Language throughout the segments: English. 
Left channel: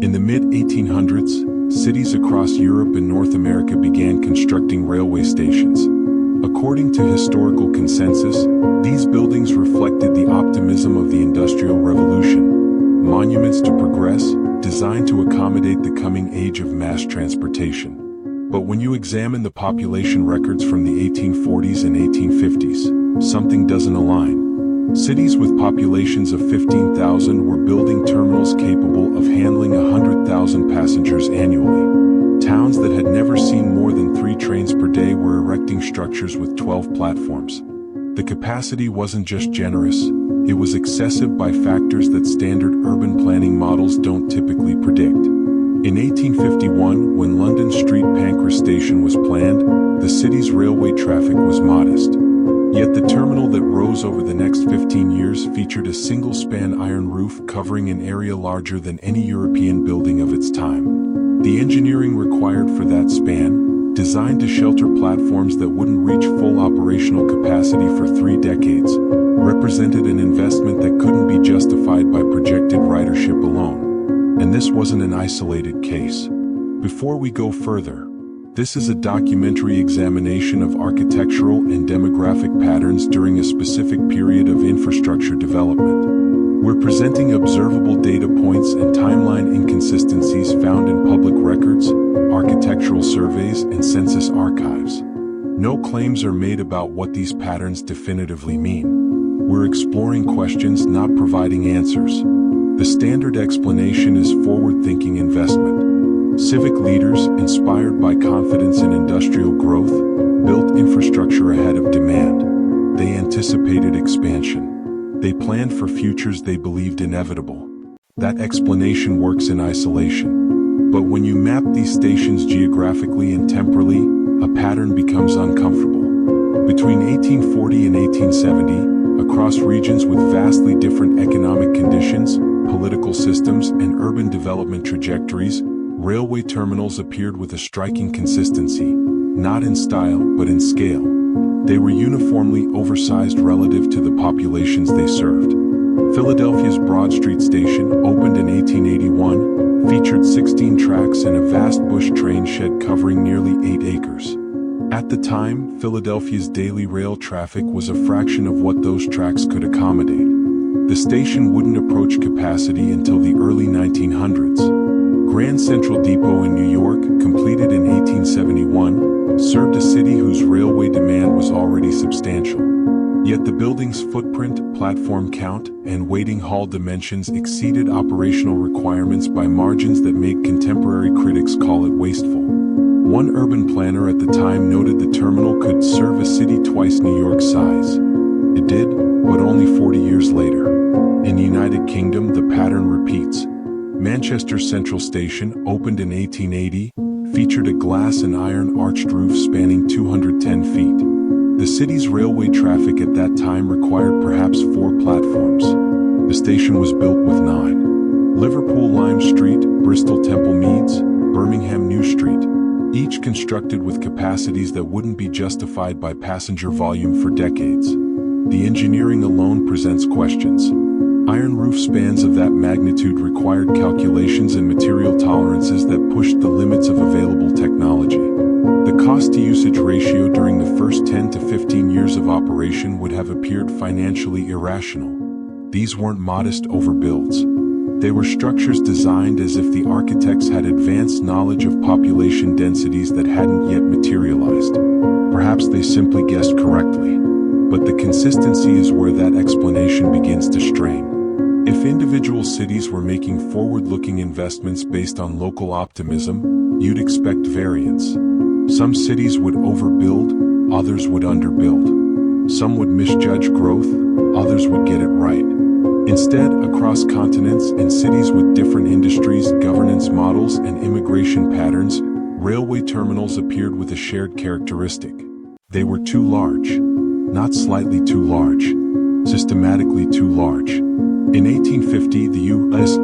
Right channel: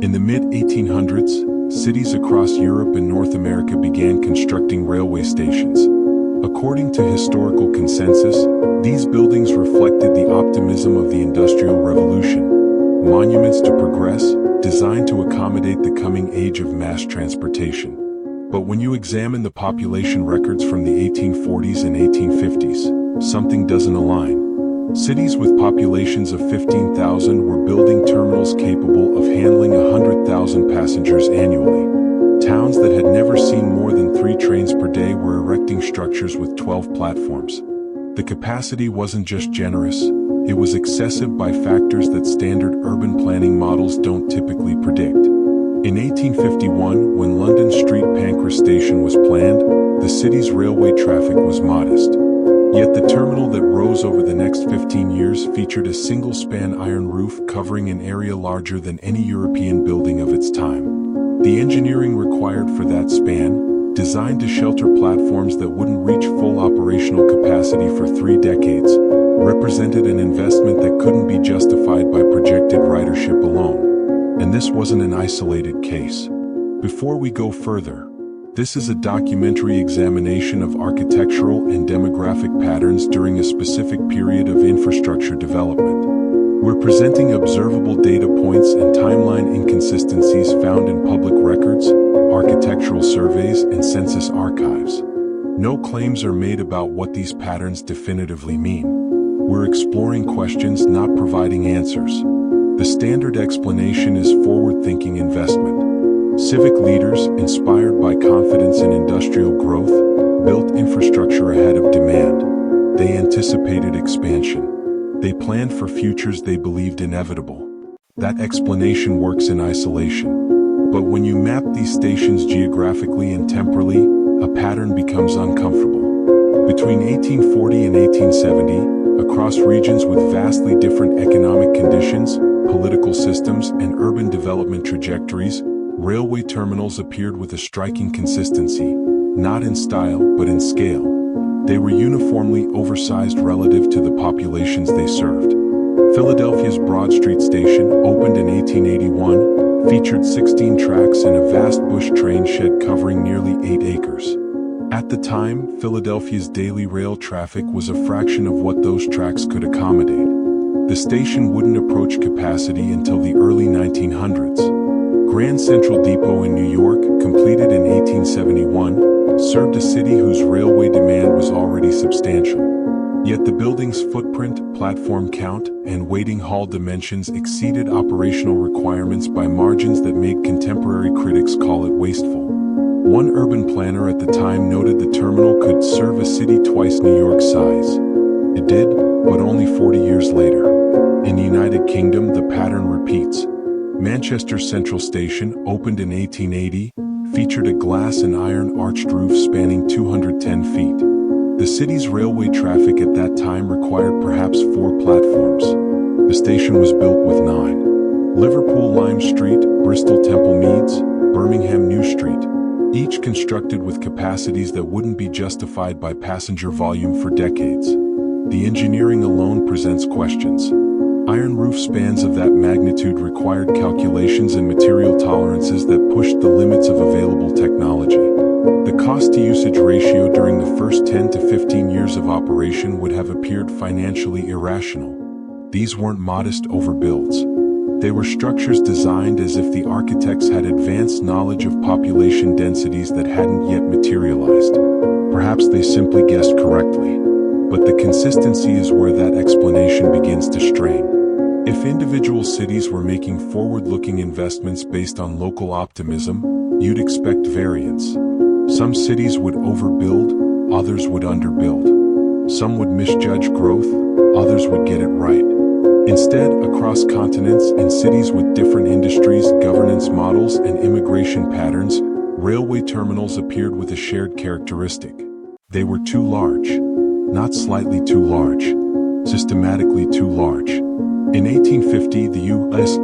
In the mid-1800s, cities across Europe and North America began constructing railway stations. According to historical consensus, these buildings reflected the optimism of the Industrial Revolution, monuments to progress, designed to accommodate the coming age of mass transportation. But when you examine the population records from the 1840s and 1850s, something doesn't align. Cities with populations of 15,000 were building terminals capable of handling 100,000 passengers annually. Towns that had never seen more than 3 trains per day were erecting structures with 12 platforms. The capacity wasn't just generous, it was excessive by factors that standard urban planning models don't typically predict. In 1851, when London Street Pancras Station was planned, the city's railway traffic was modest. Yet the terminal that rose over the next 15 years featured a single-span iron roof covering an area larger than any European building of its time. The engineering required for that span, designed to shelter platforms that wouldn't reach full operational capacity for 3 decades, represented an investment that couldn't be justified by projected ridership alone. And this wasn't an isolated case. Before we go further, this is a documentary examination of architectural and demographic patterns during a specific period of infrastructure development. We're presenting observable data points and timeline inconsistencies found in public records, architectural surveys, and census archives. No claims are made about what these patterns definitively mean. We're exploring questions, not providing answers. The standard explanation is forward-thinking investment. Civic leaders, inspired by confidence in industrial growth, built infrastructure ahead of demand. They anticipated expansion. They planned for futures they believed inevitable. That explanation works in isolation. But when you map these stations geographically and temporally, a pattern becomes uncomfortable. Between 1840 and 1870, across regions with vastly different economic conditions, political systems, and urban development trajectories, railway terminals appeared with a striking consistency, not in style but in scale. They were uniformly oversized relative to the populations they served. Philadelphia's Broad Street Station, opened in 1881, featured 16 tracks and a vast bush train shed covering nearly 8 acres. At the time, Philadelphia's daily rail traffic was a fraction of what those tracks could accommodate. The station wouldn't approach capacity until the early 1900s. Grand Central Depot in New York, completed in 1871, served a city whose railway demand was already substantial. Yet the building's footprint, platform count, and waiting hall dimensions exceeded operational requirements by margins that made contemporary critics call it wasteful. One urban planner at the time noted the terminal could serve a city twice New York's size. It did, but only 40 years later. In the United Kingdom, the pattern repeats. Manchester Central Station, opened in 1880, featured a glass and iron arched roof spanning 210 feet. The city's railway traffic at that time required perhaps 4 platforms. The station was built with 9. Liverpool Lime Street, Bristol Temple Meads, Birmingham New Street, each constructed with capacities that wouldn't be justified by passenger volume for decades. The engineering alone presents questions. Iron roof spans of that magnitude required calculations and material tolerances that pushed the limits of available technology. The cost-to-usage ratio during the first 10 to 15 years of operation would have appeared financially irrational. These weren't modest overbuilds. They were structures designed as if the architects had advanced knowledge of population densities that hadn't yet materialized. Perhaps they simply guessed correctly. But the consistency is where that explanation begins to strain. If individual cities were making forward-looking investments based on local optimism, you'd expect variance. Some cities would overbuild, others would underbuild. Some would misjudge growth, others would get it right. Instead, across continents, in cities with different industries, governance models, and immigration patterns, railway terminals appeared with a shared characteristic. They were too large. Not slightly too large, systematically too large. In 1850, the U.S.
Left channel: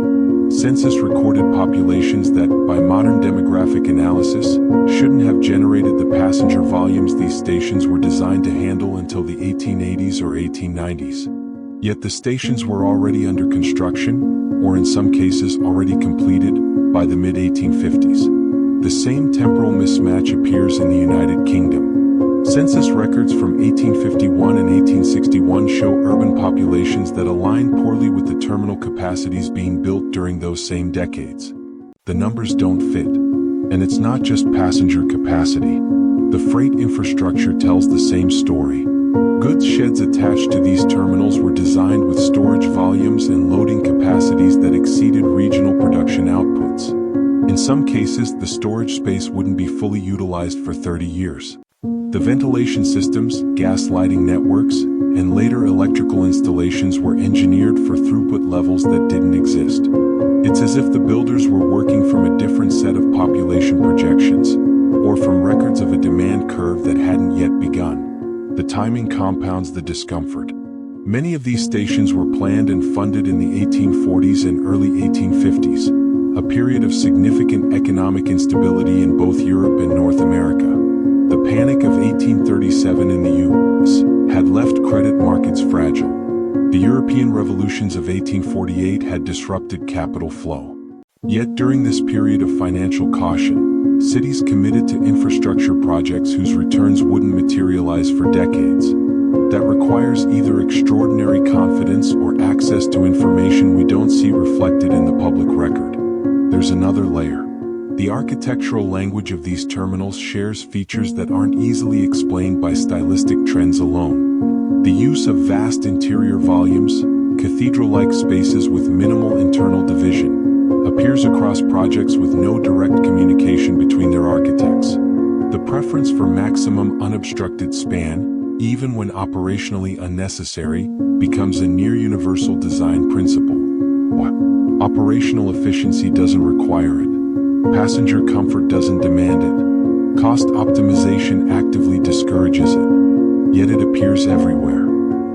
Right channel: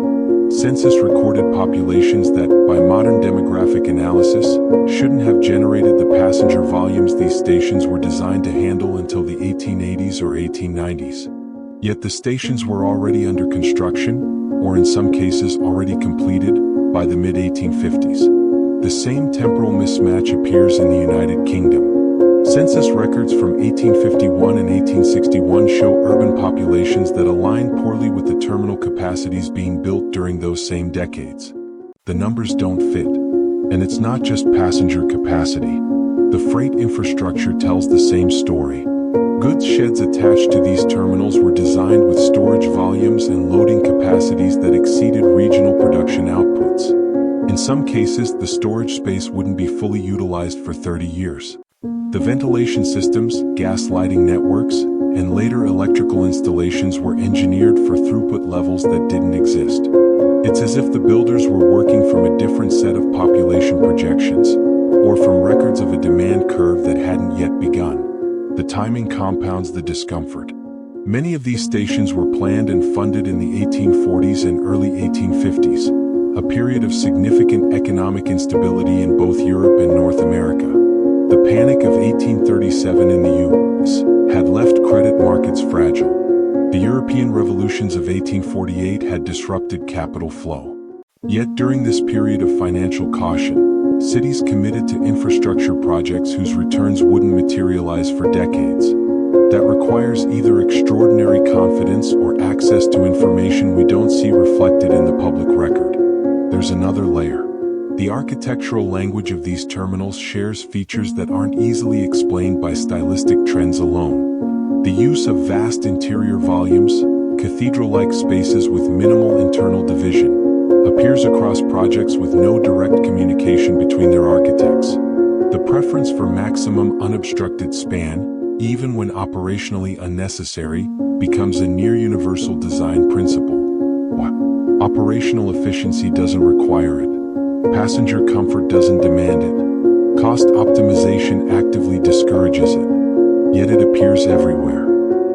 Census recorded populations that, by modern demographic analysis, shouldn't have generated the passenger volumes these stations were designed to handle until the 1880s or 1890s. Yet the stations were already under construction, or in some cases already completed, by the mid-1850s. The same temporal mismatch appears in the United Kingdom. Census records from 1851 and 1861 show urban populations that align poorly with the terminal capacities being built during those same decades. The numbers don't fit. And it's not just passenger capacity. The freight infrastructure tells the same story. Goods sheds attached to these terminals were designed with storage volumes and loading capacities that exceeded regional production outputs. In some cases, the storage space wouldn't be fully utilized for 30 years. The ventilation systems, gas lighting networks, and later electrical installations were engineered for throughput levels that didn't exist. It's as if the builders were working from a different set of population projections, or from records of a demand curve that hadn't yet begun. The timing compounds the discomfort. Many of these stations were planned and funded in the 1840s and early 1850s, a period of significant economic instability in both Europe and North America. The Panic of 1837 in the U.S. had left credit markets fragile. The European revolutions of 1848 had disrupted capital flow. Yet during this period of financial caution, cities committed to infrastructure projects whose returns wouldn't materialize for decades. That requires either extraordinary confidence or access to information we don't see reflected in the public record. There's another layer. The architectural language of these terminals shares features that aren't easily explained by stylistic trends alone. The use of vast interior volumes, cathedral-like spaces with minimal internal division, appears across projects with no direct communication between their architects. The preference for maximum unobstructed span, even when operationally unnecessary, becomes a near-universal design principle. Operational efficiency doesn't require it. Passenger comfort doesn't demand it. Cost optimization actively discourages it. Yet it appears everywhere.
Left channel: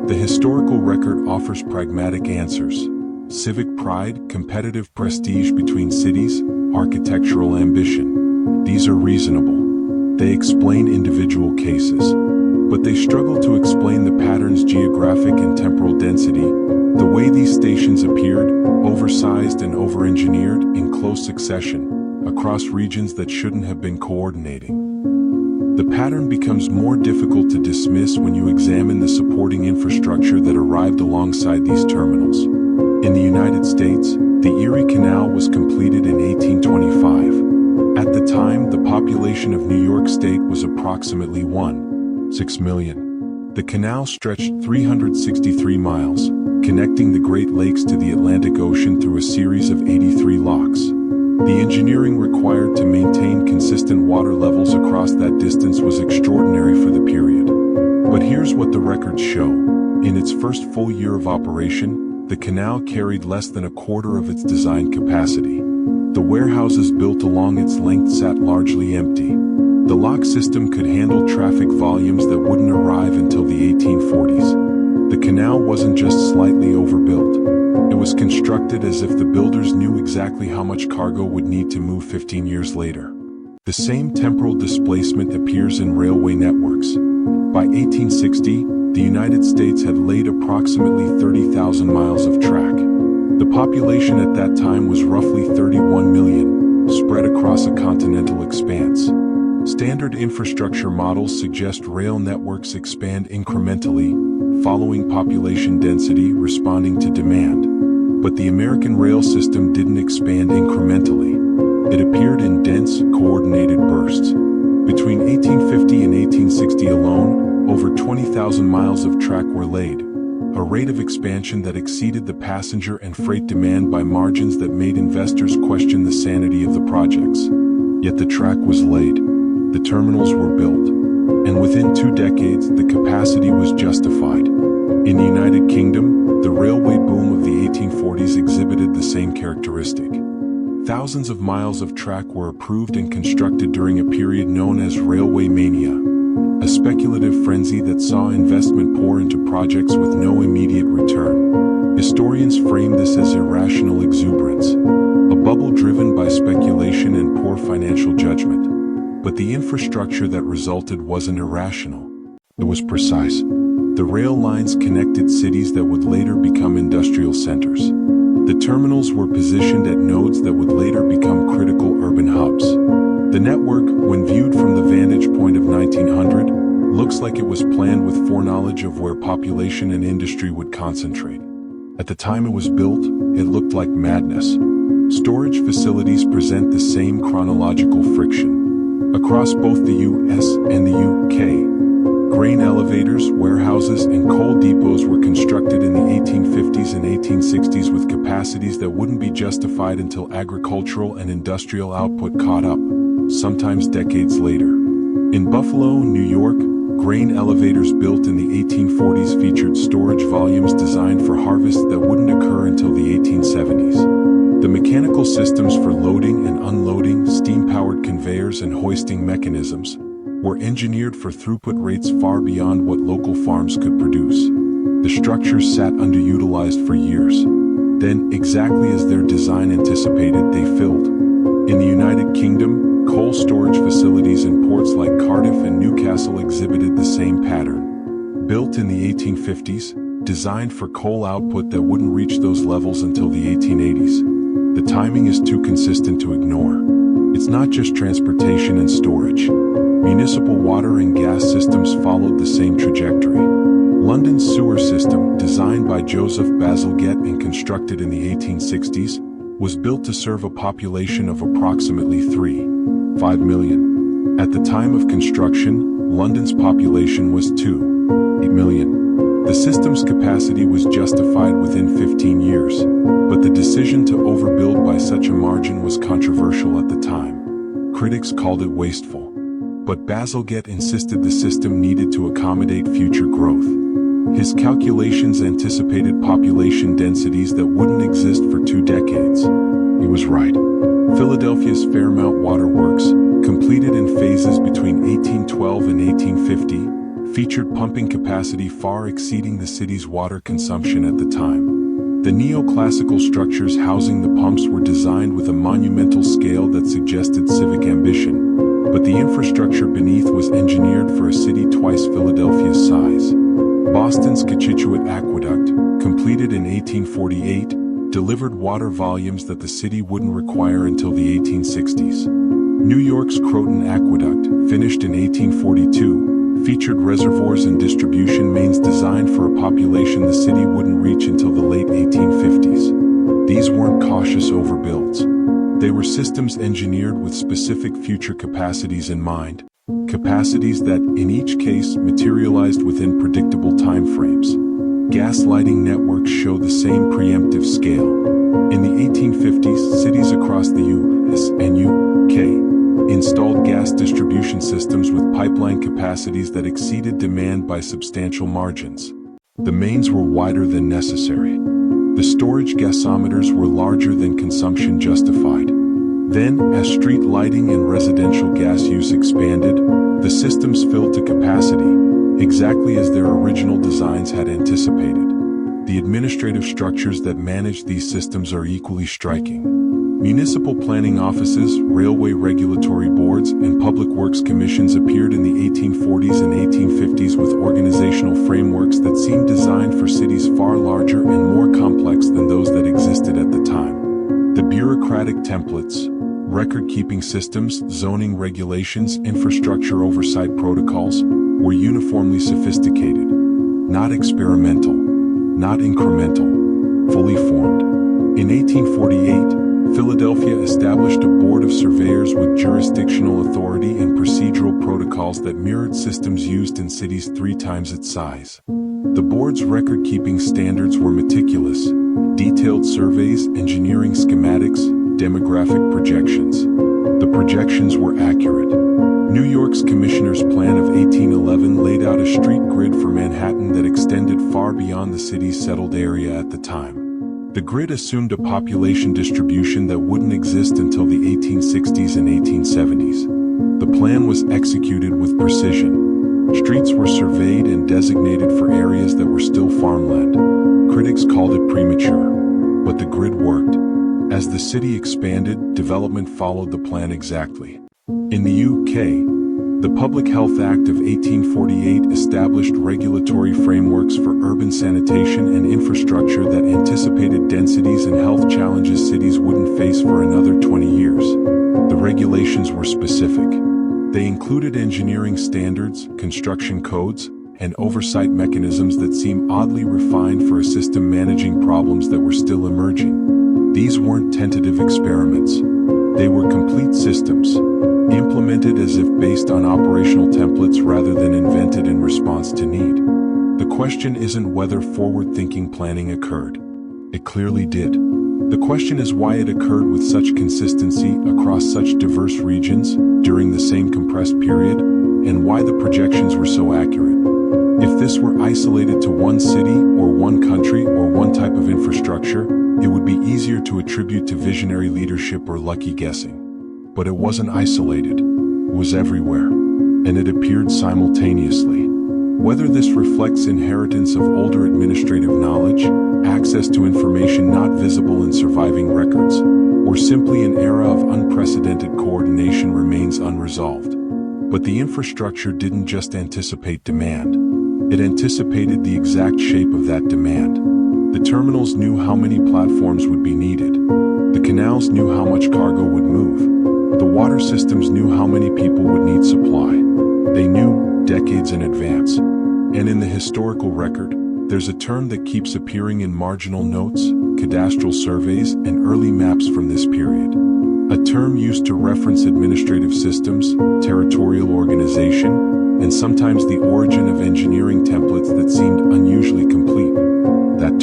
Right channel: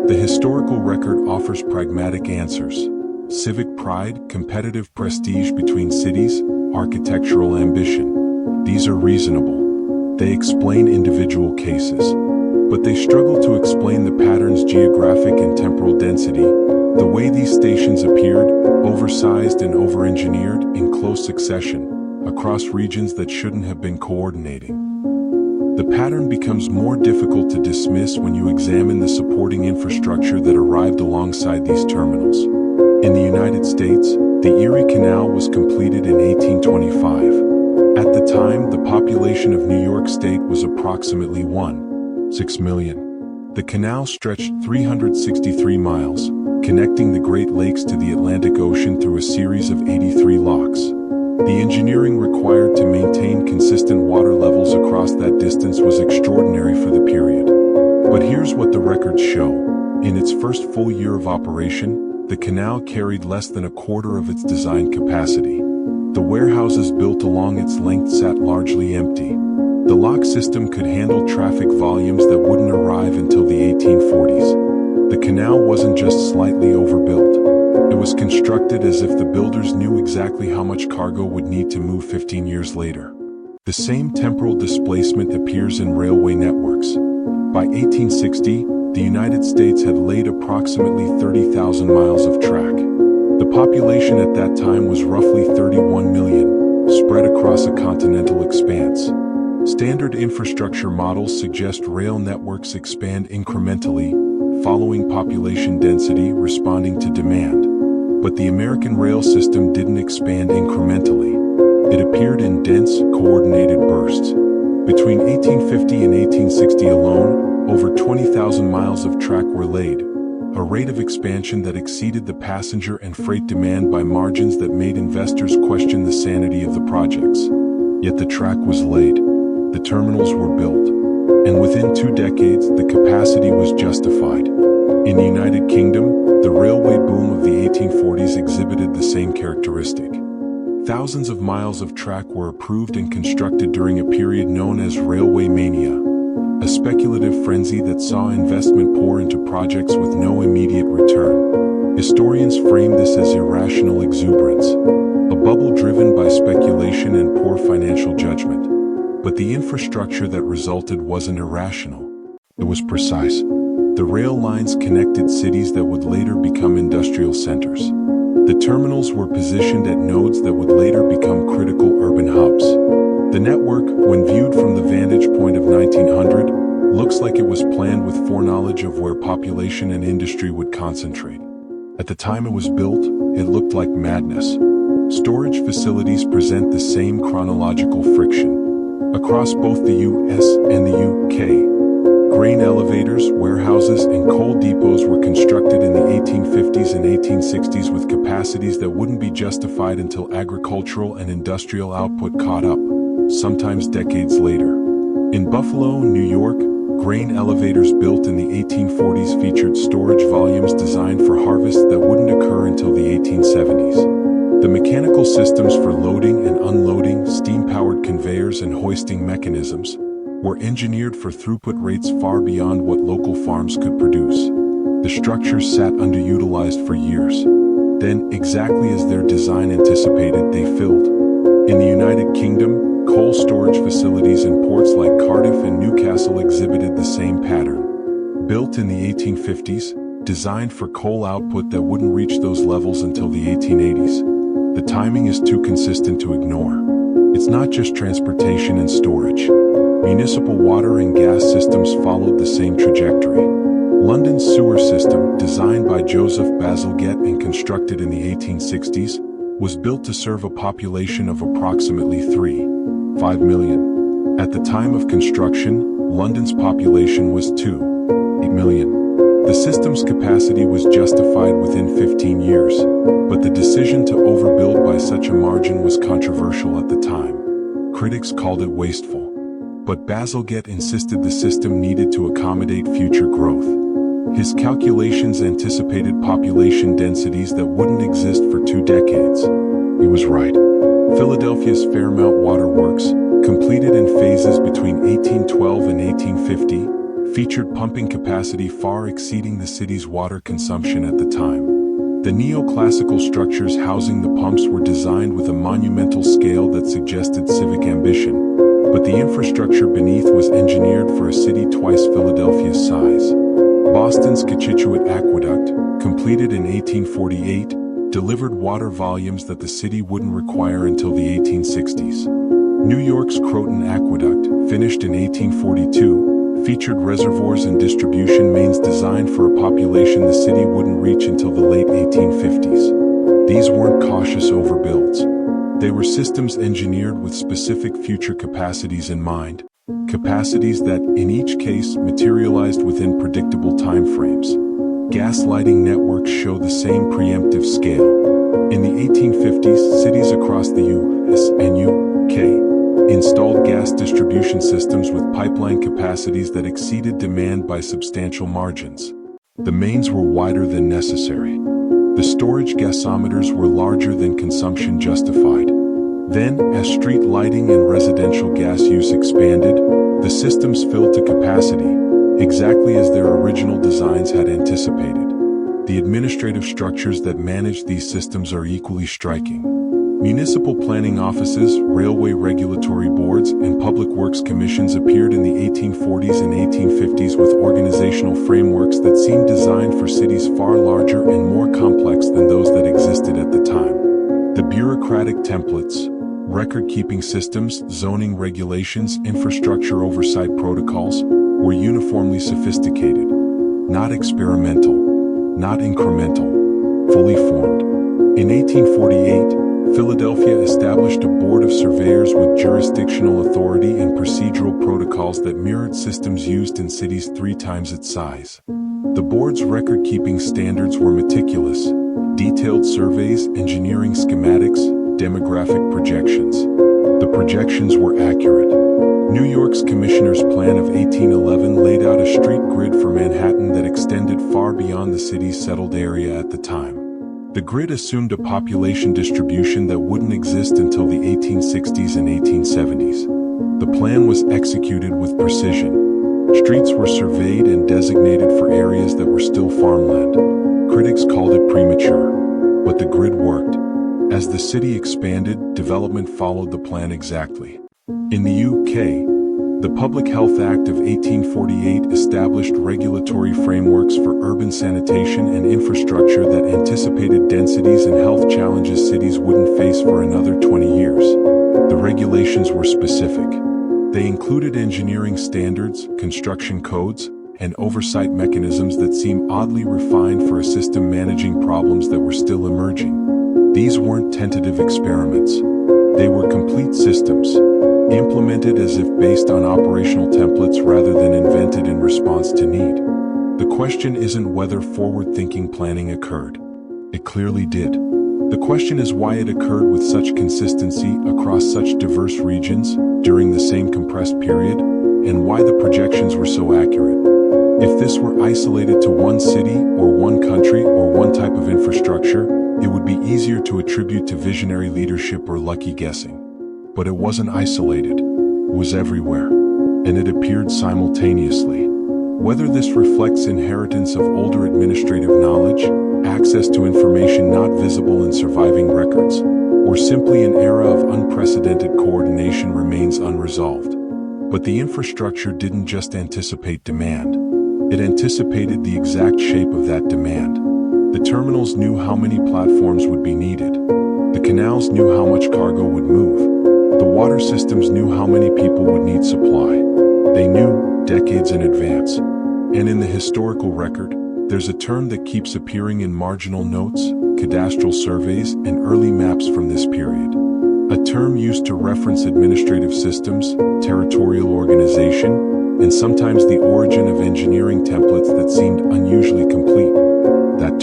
The historical record offers pragmatic answers. Civic pride, competitive prestige between cities, architectural ambition. These are reasonable. They explain individual cases. But they struggle to explain the pattern's geographic and temporal density, the way these stations appeared, oversized and over-engineered, in close succession, across regions that shouldn't have been coordinating. The pattern becomes more difficult to dismiss when you examine the supporting infrastructure that arrived alongside these terminals. In the United States, the Erie Canal was completed in 1825. At the time, the population of New York State was approximately 1.6 million. The canal stretched 363 miles, connecting the Great Lakes to the Atlantic Ocean through a series of 83 locks. The engineering required to maintain consistent water levels across that distance was extraordinary for the period. But here's what the records show. In its first full year of operation, the canal carried less than a quarter of its design capacity. The warehouses built along its length sat largely empty. The lock system could handle traffic volumes that wouldn't arrive until the 1840s. The canal wasn't just slightly overbuilt. It was constructed as if the builders knew exactly how much cargo would need to move 15 years later. The same temporal displacement appears in railway networks. By 1860, the United States had laid approximately 30,000 miles of track. The population at that time was roughly 31 million, spread across a continental expanse. Standard infrastructure models suggest rail networks expand incrementally, following population density, responding to demand. But the American rail system didn't expand incrementally. It appeared in dense, coordinated bursts. Between 1850 and 1860 alone, over 20,000 miles of track were laid, a rate of expansion that exceeded the passenger and freight demand by margins that made investors question the sanity of the projects. Yet the track was laid, the terminals were built, and within 2 decades the capacity was justified. In the United Kingdom, the railway boom of the 1840s exhibited the same characteristic. Thousands of miles of track were approved and constructed during a period known as railway mania, a speculative frenzy that saw investment pour into projects with no immediate return. Historians frame this as irrational exuberance, a bubble driven by speculation and poor financial judgment. But the infrastructure that resulted wasn't irrational. It was precise. The rail lines connected cities that would later become industrial centers. The terminals were positioned at nodes that would later become critical network, when viewed from the vantage point of 1900, looks like it was planned with foreknowledge of where population and industry would concentrate. At the time it was built, it looked like madness. Storage facilities present the same chronological friction. Across both the US and the UK, grain elevators, warehouses, and coal depots were constructed in the 1850s and 1860s with capacities that wouldn't be justified until agricultural and industrial output caught up, sometimes decades later. In Buffalo, New York, grain elevators built in the 1840s featured storage volumes designed for harvest that wouldn't occur until the 1870s. The mechanical systems for loading and unloading, steam-powered conveyors and hoisting mechanisms were engineered for throughput rates far beyond what local farms could produce. The structures sat underutilized for years. Then, exactly as their design anticipated, they filled. In the United Kingdom, coal storage facilities in ports like Cardiff and Newcastle exhibited the same pattern. Built in the 1850s, designed for coal output that wouldn't reach those levels until the 1880s. The timing is too consistent to ignore. It's not just transportation and storage. Municipal water and gas systems followed the same trajectory. London's sewer system, designed by Joseph Bazalgette and constructed in the 1860s, was built to serve a population of approximately 3.5 million. At the time of construction, London's population was 2.8 million. The system's capacity was justified within 15 years, but the decision to overbuild by such a margin was controversial at the time. Critics called it wasteful. But Bazalgette insisted the system needed to accommodate future growth. His calculations anticipated population densities that wouldn't exist for 2 decades. He was right. Philadelphia's Fairmount Waterworks, completed in phases between 1812 and 1850, featured pumping capacity far exceeding the city's water consumption at the time. The neoclassical structures housing the pumps were designed with a monumental scale that suggested civic ambition, but the infrastructure beneath was engineered for a city twice Philadelphia's size. Boston's Cochituate Aqueduct, completed in 1848, delivered water volumes that the city wouldn't require until the 1860s. New York's Croton Aqueduct, finished in 1842, featured reservoirs and distribution mains designed for a population the city wouldn't reach until the late 1850s. These weren't cautious overbuilds. They were systems engineered with specific future capacities in mind, capacities that, in each case, materialized within predictable timeframes. Gas lighting networks show the same preemptive scale. In the 1850s, cities across the US and UK installed gas distribution systems with pipeline capacities that exceeded demand by substantial margins. The mains were wider than necessary. The storage gasometers were larger than consumption justified. Then, as street lighting and residential gas use expanded, the systems filled to capacity, exactly as their original designs had anticipated. The administrative structures that manage these systems are equally striking. Municipal planning offices, railway regulatory boards, and public works commissions appeared in the 1840s and 1850s with organizational frameworks that seemed designed for cities far larger and more complex than those that existed at the time. The bureaucratic templates, record-keeping systems, zoning regulations, infrastructure oversight protocols, were uniformly sophisticated, not experimental, not incremental, fully formed. In 1848, Philadelphia established a board of surveyors with jurisdictional authority and procedural protocols that mirrored systems used in cities 3 times its size. The board's record-keeping standards were meticulous, detailed surveys, engineering schematics, demographic projections. The projections were accurate. New York's Commissioner's Plan of 1811 laid out a street grid for Manhattan that extended far beyond the city's settled area at the time. The grid assumed a population distribution that wouldn't exist until the 1860s and 1870s. The plan was executed with precision. Streets were surveyed and designated for areas that were still farmland. Critics called it premature, but the grid worked. As the city expanded, development followed the plan exactly. In the UK, the Public Health Act of 1848 established regulatory frameworks for urban sanitation and infrastructure that anticipated densities and health challenges cities wouldn't face for another 20 years. The regulations were specific. They included engineering standards, construction codes, and oversight mechanisms that seem oddly refined for a system managing problems that were still emerging. These weren't tentative experiments. They were complete systems, implemented as if based on operational templates rather than invented in response to need. The question isn't whether forward-thinking planning occurred. It clearly did. The question is why it occurred with such consistency across such diverse regions during the same compressed period, and why the projections were so accurate. If this were isolated to one city or one country or one type of infrastructure, it would be easier to attribute to visionary leadership or lucky guessing. But it wasn't isolated. It was everywhere, and it appeared simultaneously. Whether this reflects inheritance of older administrative knowledge, access to information not visible in surviving records, or simply an era of unprecedented coordination remains unresolved. But the infrastructure didn't just anticipate demand. It anticipated the exact shape of that demand. The terminals knew how many platforms would be needed. The canals knew how much cargo would move. The water systems knew how many people would need supply. They knew decades in advance. And in the historical record, there's a term that keeps appearing in marginal notes, cadastral surveys, and early maps from this period. A term used to reference administrative systems, territorial organization, and sometimes the origin of engineering templates that seemed unusually complete. That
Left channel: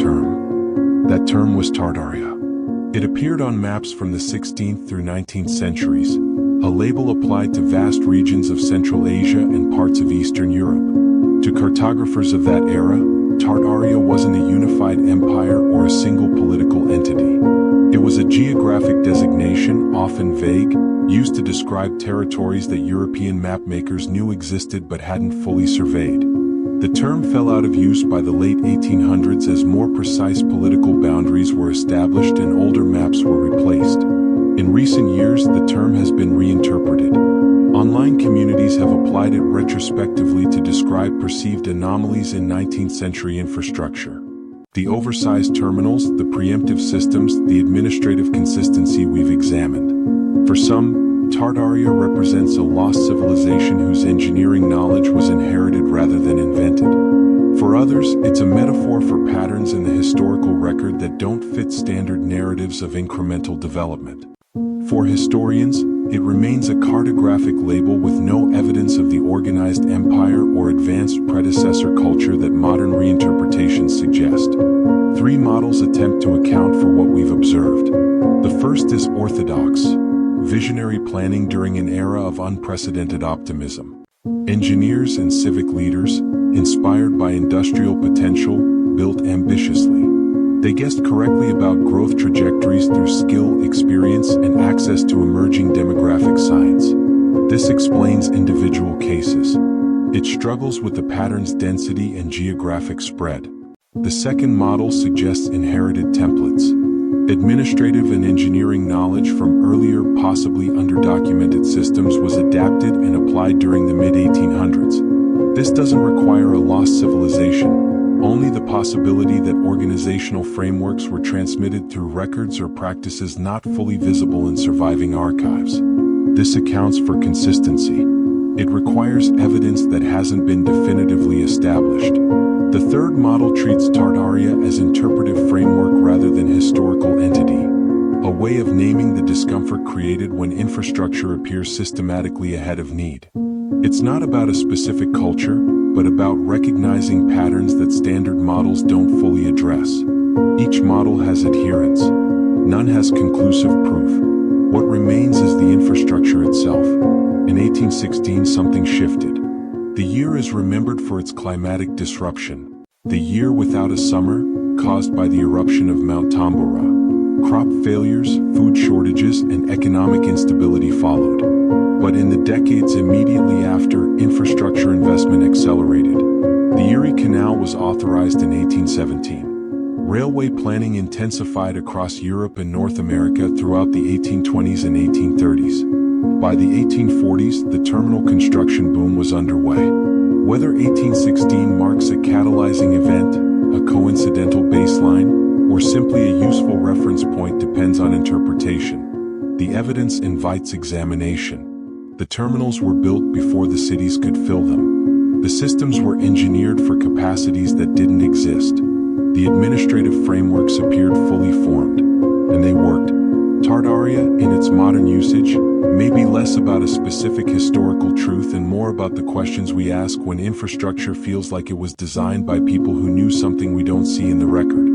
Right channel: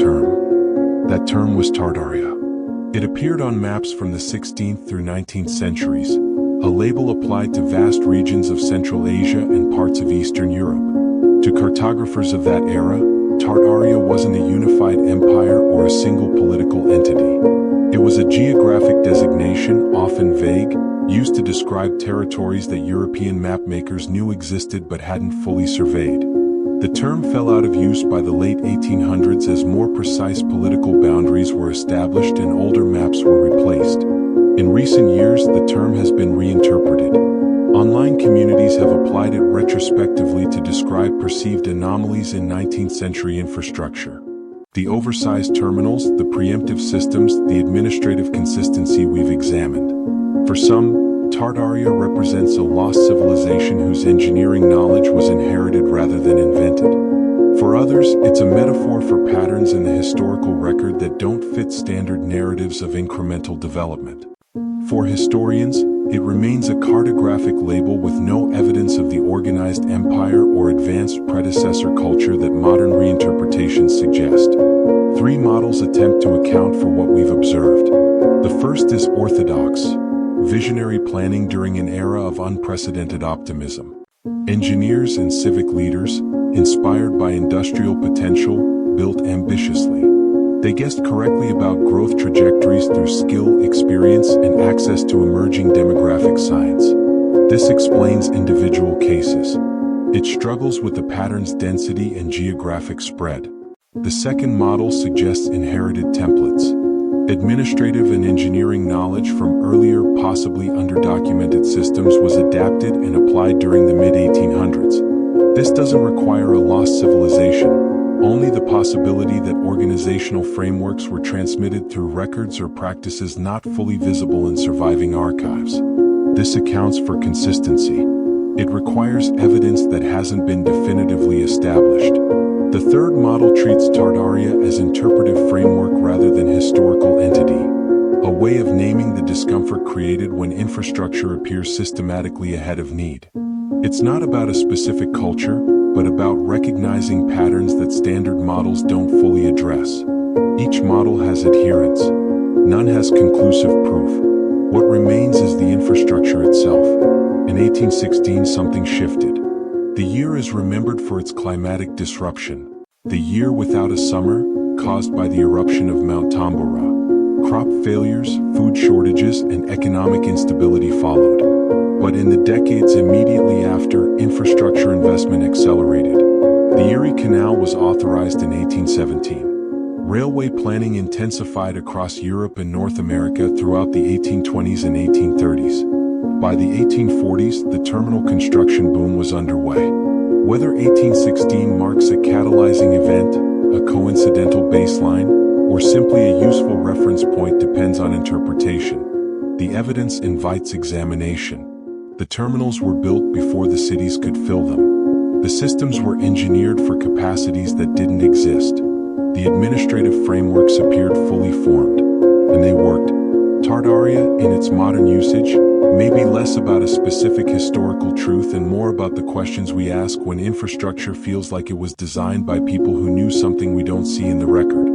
term was Tartaria. It appeared on maps from the 16th through 19th centuries, a label applied to vast regions of Central Asia and parts of Eastern Europe. To cartographers of that era, Tartaria wasn't a unified empire or a single political entity. It was a geographic designation, often vague, used to describe territories that European mapmakers knew existed but hadn't fully surveyed. The term fell out of use by the late 1800s as more precise political boundaries were established and older maps were replaced. In recent years, the term has been reinterpreted. Online communities have applied it retrospectively to describe perceived anomalies in 19th century infrastructure. The oversized terminals, the preemptive systems, the administrative consistency we've examined. For some, Tartaria represents a lost civilization whose engineering knowledge was inherited rather than invented. For others, it's a metaphor for patterns in the historical record that don't fit standard narratives of incremental development. For historians, it remains a cartographic label with no evidence of the organized empire or advanced predecessor culture that modern reinterpretations suggest. Three models attempt to account for what we've observed. The first is orthodox, visionary planning during an era of unprecedented optimism. Engineers and civic leaders, inspired by industrial potential, built ambitiously. They guessed correctly about growth trajectories through skill, experience, and access to emerging demographic science. This explains individual cases. It struggles with the pattern's density and geographic spread. The second model suggests inherited templates. Administrative and engineering knowledge from earlier, possibly underdocumented systems was adapted and applied during the mid-1800s. This doesn't require a lost civilization, only the possibility that organizational frameworks were transmitted through records or practices not fully visible in surviving archives. This accounts for consistency. It requires evidence that hasn't been definitively established. The third model treats Tartaria as interpretive framework rather than historical entity, a way of naming the discomfort created when infrastructure appears systematically ahead of need. It's not about a specific culture, but about recognizing patterns that standard models don't fully address. Each model has adherents. None has conclusive proof. What remains is the infrastructure itself. In 1816, something shifted. The year is remembered for its climatic disruption. The year without a summer, caused by the eruption of Mount Tambora. Crop failures, food shortages, and economic instability followed. But in the decades immediately after, infrastructure investment accelerated. The Erie Canal was authorized in 1817. Railway planning intensified across Europe and North America throughout the 1820s and 1830s. By the 1840s, the terminal construction boom was underway. Whether 1816 marks a catalyzing event, a coincidental baseline, or simply a useful reference point depends on interpretation. The evidence invites examination. The terminals were built before the cities could fill them. The systems were engineered for capacities that didn't exist. The administrative frameworks appeared fully formed, and they worked. Tartaria, in its modern usage, may be less about a specific historical truth and more about the questions we ask when infrastructure feels like it was designed by people who knew something we don't see in the record.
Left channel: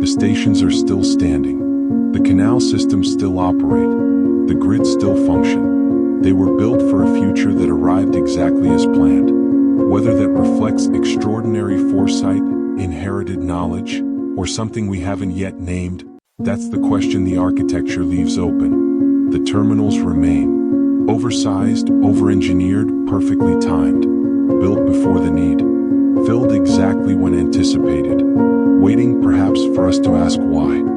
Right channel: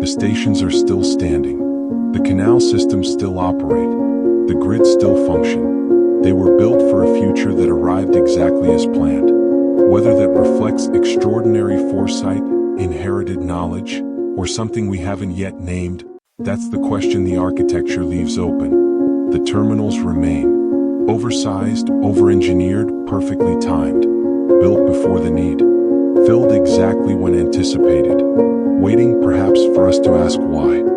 The stations are still standing. The canal systems still operate. The grids still function. They were built for a future that arrived exactly as planned. Whether that reflects extraordinary foresight, inherited knowledge, or something we haven't yet named, that's the question the architecture leaves open. The terminals remain. Oversized, over-engineered, perfectly timed. Built before the need. Filled exactly when anticipated. Waiting perhaps for us to ask why.